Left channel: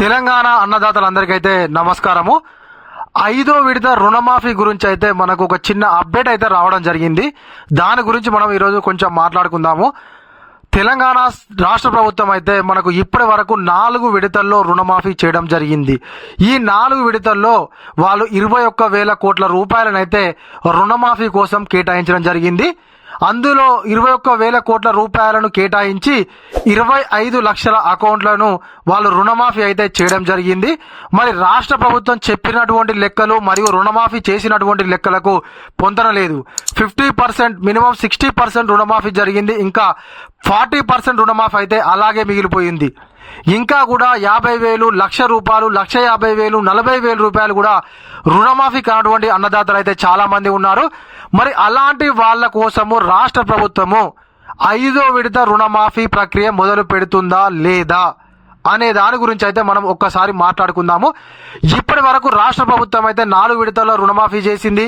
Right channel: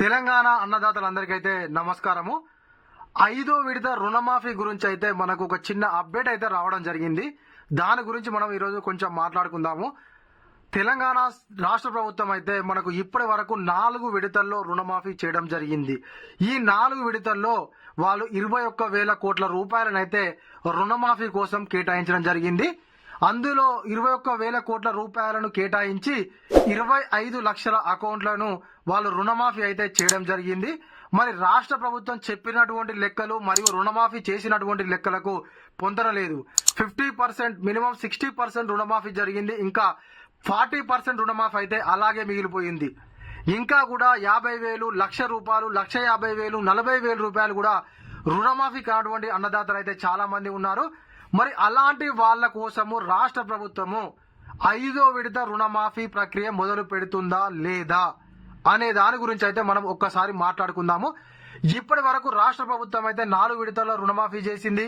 తెలంగాణ అన్నదాతలందరికైతే నమస్కారము. ఐదో విడత రుణమాఫీ గురించి అయితే మనకు ఒక చిన్న అప్డేట్ అయితే రావడం జరిగింది. దాని గురించి మనం ఈరోజు కొంచెం మాట్లాడుకుందాము. తెలంగాణ రాష్ట్ర ప్రభుత్వం అయితే మనకు ఇప్పటి వరకు నాలుగు విడతల్లో రుణమాఫీ చేయడం జరిగింది. ఈ నాలుగు విడతల్లో వాళ్ళు ఇరవై ఒక్క వేల కోట్ల రూపాయలనైతే రుణమాఫీ కోసం కేటాయించడం జరిగింది. అందులో ఇరవై ఒక్క వేల కోట్ల రూపాయలను కేటాయించి ఇరవై ఐదు లక్షల అకౌంట్లను వాళ్ళు రుణమాఫీ అయితే చేయడం జరిగింది. మరి రాష్ట్ర ప్రభుత్వం చెప్పినటువంటి లెక్కలు మరియు రుణమాఫీ చేసినటువంటి లెక్కలకు పొందనలేదు. Fifty percent minimum sixty percent రుణమాఫీ జరిగింది. ఇంకా ఫార్టీ పర్సెంట్ రుణమాఫీ అయితే అలాగే మిగిలిపోయింది. ఇంకా కూడా యాభై వేలు లక్ష రూపాయలు లక్ష యాభై వేలు నలభై వేల రూపాయలు కూడా రుణమాఫీ కానటువంటి అన్నదాతలు అయితే చాలా మంది ఉన్నారు. మరి అలాంటి వాళ్ళ కోసము రాష్ట్ర ప్రభుత్వము ఐదో విడత రుణమాఫీ ప్రక్రియ మొదలు పెడుతుందా లేదా అనే దాని గురించి అయితే మనం ఒక్కసారి మాట్లాడుకుందాము. ఇప్పటి వరకు రాష్ట్ర ప్రభుత్వం అయితే నాలుగు విడతల్లో రుణమాఫీ చేసింది.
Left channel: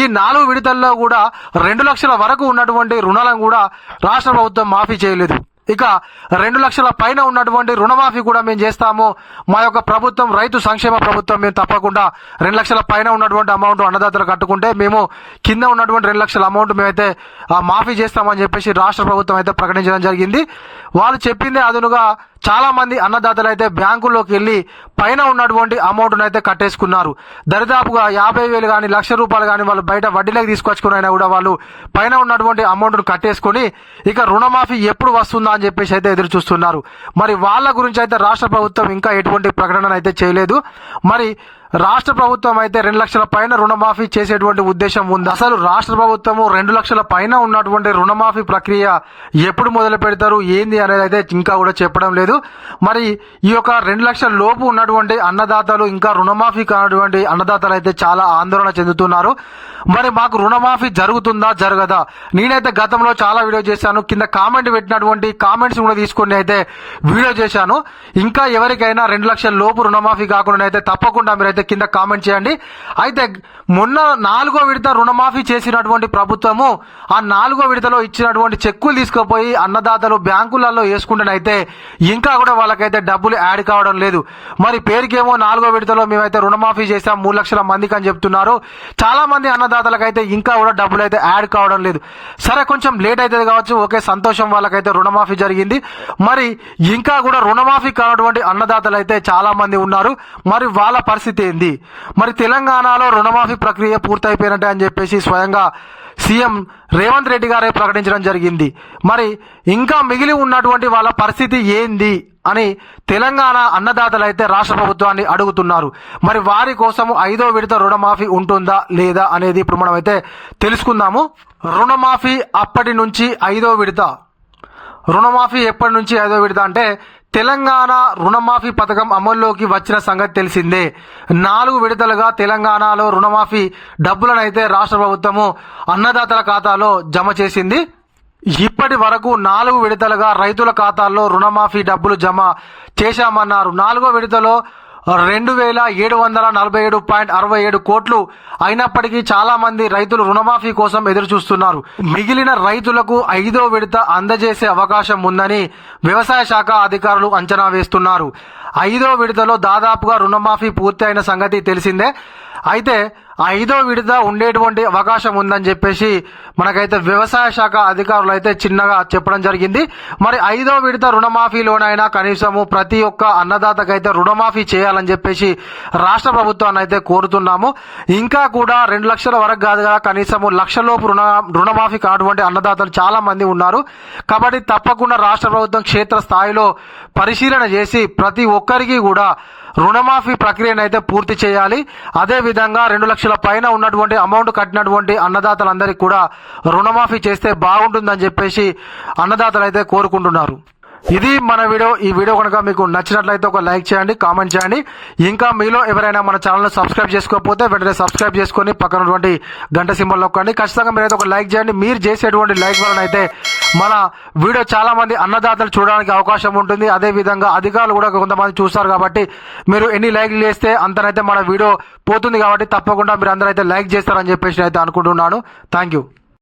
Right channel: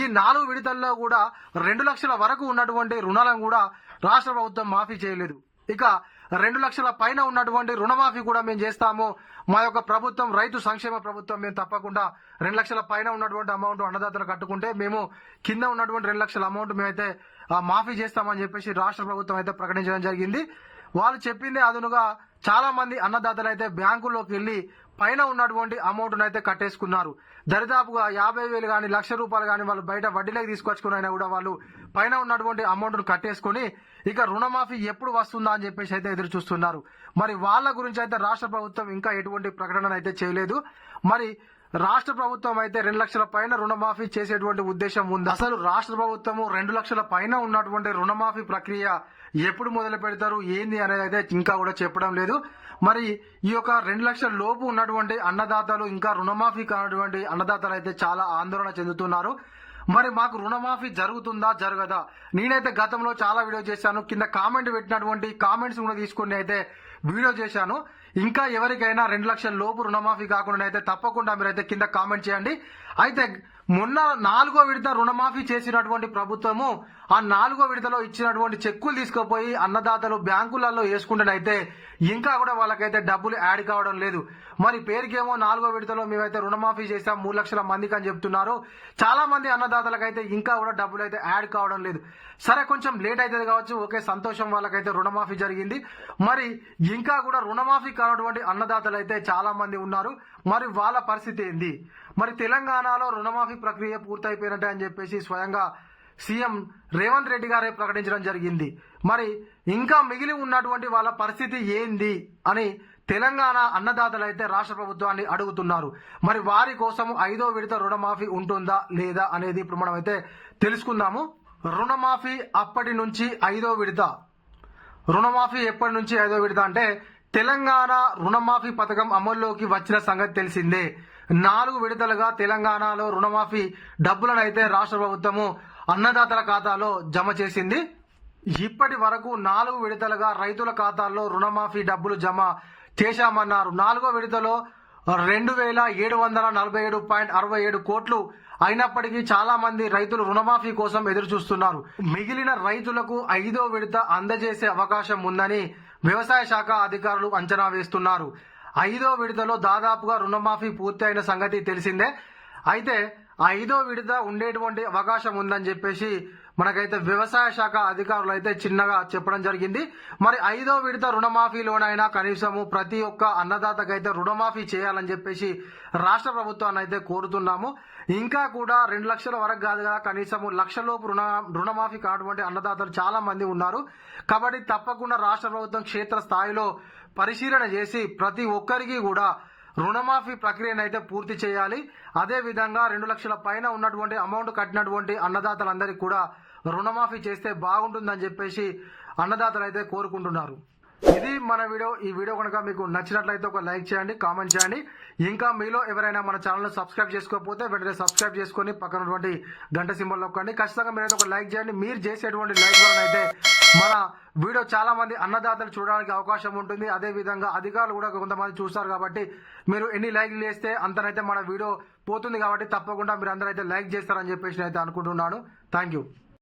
ఈ నాలుగు విడతల్లో కూడా రెండు లక్షల వరకు ఉన్నటువంటి రుణాలను కూడా రాష్ట్ర ప్రభుత్వం మాఫీ చేయలేదు. ఇక రెండు లక్షల పైన ఉన్నటువంటి రుణమాఫీ కూడా మేము చేస్తాము. మా యొక్క ప్రభుత్వం రైతు సంక్షేమ ప్రభుత్వం మేము తప్పకుండా రెండు లక్షల పైన ఉన్నటువంటి అమౌంట్ అన్నదాతలు కట్టుకుంటే మేము కింద ఉన్నటువంటి రెండు లక్షల అమౌంట్ మేమైతే మాఫీ చేస్తామని చెప్పేసి రాష్ట్ర ప్రభుత్వం అయితే ప్రకటించడం జరిగింది. వాళ్ళు చెప్పిందే అదునుగా చాలా మంది అన్నదాతలు అయితే బ్యాంకుల్లోకి వెళ్ళి పైన ఉన్నటువంటి అమౌంట్ను అయితే కట్టేసుకున్నారు. దరిదాపుగా యాభై వేలు కానీ లక్ష రూపాయలు కానీ వాళ్ళు బయట వడ్డీలోకి తీసుకొచ్చుకుని అయినా కూడా వాళ్ళు పైన ఉన్నటువంటి అమౌంట్ను కట్టేసుకొని ఇక రుణమాఫీ ఎప్పుడు వస్తుందా అని చెప్పేసి అయితే ఎదురు చూస్తున్నారు. మరి వాళ్ళ గురించి అయితే రాష్ట్ర ప్రభుత్వం ఇంకా ఎటువంటి ప్రకటన అయితే చేయలేదు. మరి రాష్ట్ర ప్రభుత్వం అయితే రెండు లక్షల పైన రుణమాఫీ చేసేటువంటి ఉద్దేశం ఉంది. అసలు రాష్ట్ర ప్రభుత్వము రెండు లక్షల పైన ఉన్నటువంటి రుణమాఫీ ప్రక్రియ ఎప్పుడు మొదలు పెడతారు? ఏంది అనేది అయితే ఇంకా కూడా చెప్పడం లేదు. మరి ఈ యొక్క రెండు లక్షల లోపు ఉన్నటువంటి అన్నదాతలు ఇంకా రుణమాఫీ కానటువంటి అన్నదాతలు అయితే చాలా ఆందోళన చెందుతున్నారు. మరి మాకు రుణమాఫీ జరుగుతుందా? జరగదా? నేనైతే గతంలో చాలా వీడియో చేశాను. కింద కామెంట్ పెట్టినటువంటి కామెంట్స్ కూడా తీసుకొని అయితే వీడియో చేశాను. ఇంకా ఎవరికైనా రెండు లక్షల లోపు రుణమాఫీ కాకుండా అయితే తప్పకుండా మీరైతే కింద కామెంట్ చేయండి. అయితే మొన్న నాలుగో విడత రుణమాఫీ చేసినటువంటి ప్రభుత్వము ఆ నాలుగో విడతలో ఇచ్చినటువంటి చెక్కులు తీసుకుపోయి అన్నదాతలు బ్యాంకులలో వేసుకుంటేనైతే ఇంకా కూడా వాళ్ళకైతే డబ్బులు యాడ్ కావడం లేదు. మరి పేరుకేమో నాలుగో విడతలో మేమైతే రుణమాఫీ చేసాం మూడు లక్షల మందికి అని చెప్తున్నారు. చాలా మంది అన్నదాతలకైతే ఇంకా కూడా డబ్బులు అయితే యాడ్ కావడం లేదు. సరే కొంచెం లేట్ అవుతుంది కావచ్చు. ఓకే సంతోషం వాళ్ళకైతే రుణమాఫీ జరిగింది. మరి ఇంకా కూడా రుణమాఫీ కానటువంటి అన్నదాతలు అయితే చాలా మంది ఉన్నారు. మరి వాళ్ళ పరిస్థితి ఏంది మరి తెలంగాణలో రుణమాఫీ ప్రక్రియ పూర్తయిపోయినట్టే అని చెప్పేసి స్వయంగా సీఎం రేవంత్ రెడ్డి గారే ప్రకటించడం జరిగింది. మరి ఇంకా మిగిలి ఉన్నటువంటి వాళ్ళ పరిస్థితి ఏంది అని తెలంగాణ అన్నదాతలు అయితే రాష్ట్ర ప్రభుత్వాన్ని అడుగుతున్నారు. మరి వారి కోసం ఐదో విడత రుణమాఫీ ఉంటుందా లేదా అనేది ఇప్పుడు మనం అయితే తెలుసుకుందాము. రుణమాఫీ అప్పటి నుంచి ఐదో విడత. రుణమాఫీ ఎప్పటి నుంచి ఐదో విడత అంటే తెలంగాణ రుణమాఫీ పథకం అమల్లోకి వచ్చిన సంగతి తెలిసిందే. నాలుగు విడతలుగా తెలంగాణలో రుణమాఫీ డబ్బులను అయితే రాష్ట్ర ప్రభుత్వము అన్నదాతల ఖాతాలో జమ చేసింది. ఇప్పటి వరకు నాలుగు విడతలుగా రైతుల ఖాతాల్లో రుణమాఫీ డబ్బులు జమ చేశామన్నారు. నాలుగో విడతలో రెండు వేల ఏడు వందల నలభై ఏడు పాయింట్ అరవై ఏడు కోట్లు అయినప్పటికీ చాలా మంది రైతులు రుణమాఫీ కోసం ఎదురు చూస్తున్నారు మిగిలిన రైతులకు ఐదో విడత అందజేసే అవకాశం ఉందని వ్యవసాయ శాఖ అధికారులు అంచనా వేస్తున్నారు. ఐదో విడతలో దాదాపుగా రుణమాఫీ పూర్తయిన సంగతి తెలిసిందే. అయితే ఐదో విడత ఉండేటువంటి అవకాశం ఉందని చెప్పేసి మనకైతే వ్యవసాయ శాఖ అధికారులు అయితే చిన్నగా చెప్పడం జరిగింది. మరి ఐదో విడత రుణమాఫీలోనైనా కనీసము ప్రతి ఒక్క అన్నదాతకైతే రుణమాఫీ చేయాలని చెప్పేసి రాష్ట్ర ప్రభుత్వాన్ని అయితే కోరుతున్నాము. ఇంకా కూడా రెండు లక్షల వరకు కాదు కదా కనీసము లక్షలోపు రుణ రుణమాఫీ కానటువంటి అన్నదాతలు చాలా మంది ఉన్నారు. కాబట్టి తప్పకుండా రాష్ట్ర ప్రభుత్వం క్షేత్ర స్థాయిలో పరిశీలన చేసి ప్రతి ఒక్కరికి కూడా రుణమాఫీ ప్రక్రియను అయితే పూర్తి చేయాలి. అదే విధంగా రెండు లక్షల పైన ఉన్నటువంటి అమౌంట్ కట్టినటువంటి అన్నదాతలందరికీ కూడా రుణమాఫీ చేస్తే బాగుంటుందని చెప్పేసి అన్నదాతలు అయితే కోరుకుంటున్నారు. ఇది మన వీడియో. ఈ వీడియో కనుక మీకు నచ్చినట్లయితే ఒక లైక్ చేయండి కామెంట్ చేయండి. ఇంకా మీలో ఎవరైనా మన ఛానల్ని సబ్స్క్రైబ్ చేసుకోకపోతే వెంటనే సబ్స్క్రైబ్ చేసుకొని పక్కనటువంటి గంట సింబల్ నొక్కండి. ఖచ్చితంగా మీరైతే ఒక లైక్ చేయండి. మీరు చేసేటువంటి లైక్ వలన అయితే మన వీడియో చాలా మంది అన్నదాతలు చూడడానికి అవకాశం ఉంటుంది. అదే విధంగా అధికారులు కూడా కొంతమంది చూస్తారు కాబట్టి మీరు ఎన్ని లైక్లు చేస్తే అంతనైతే మన వీడియో పోతుంది కాబట్టి తప్పకుండా మీరు అందరూ అయితే లైక్ చేస్తారని చెప్పేసి అయితే అనుకుంటున్నాను. Thank you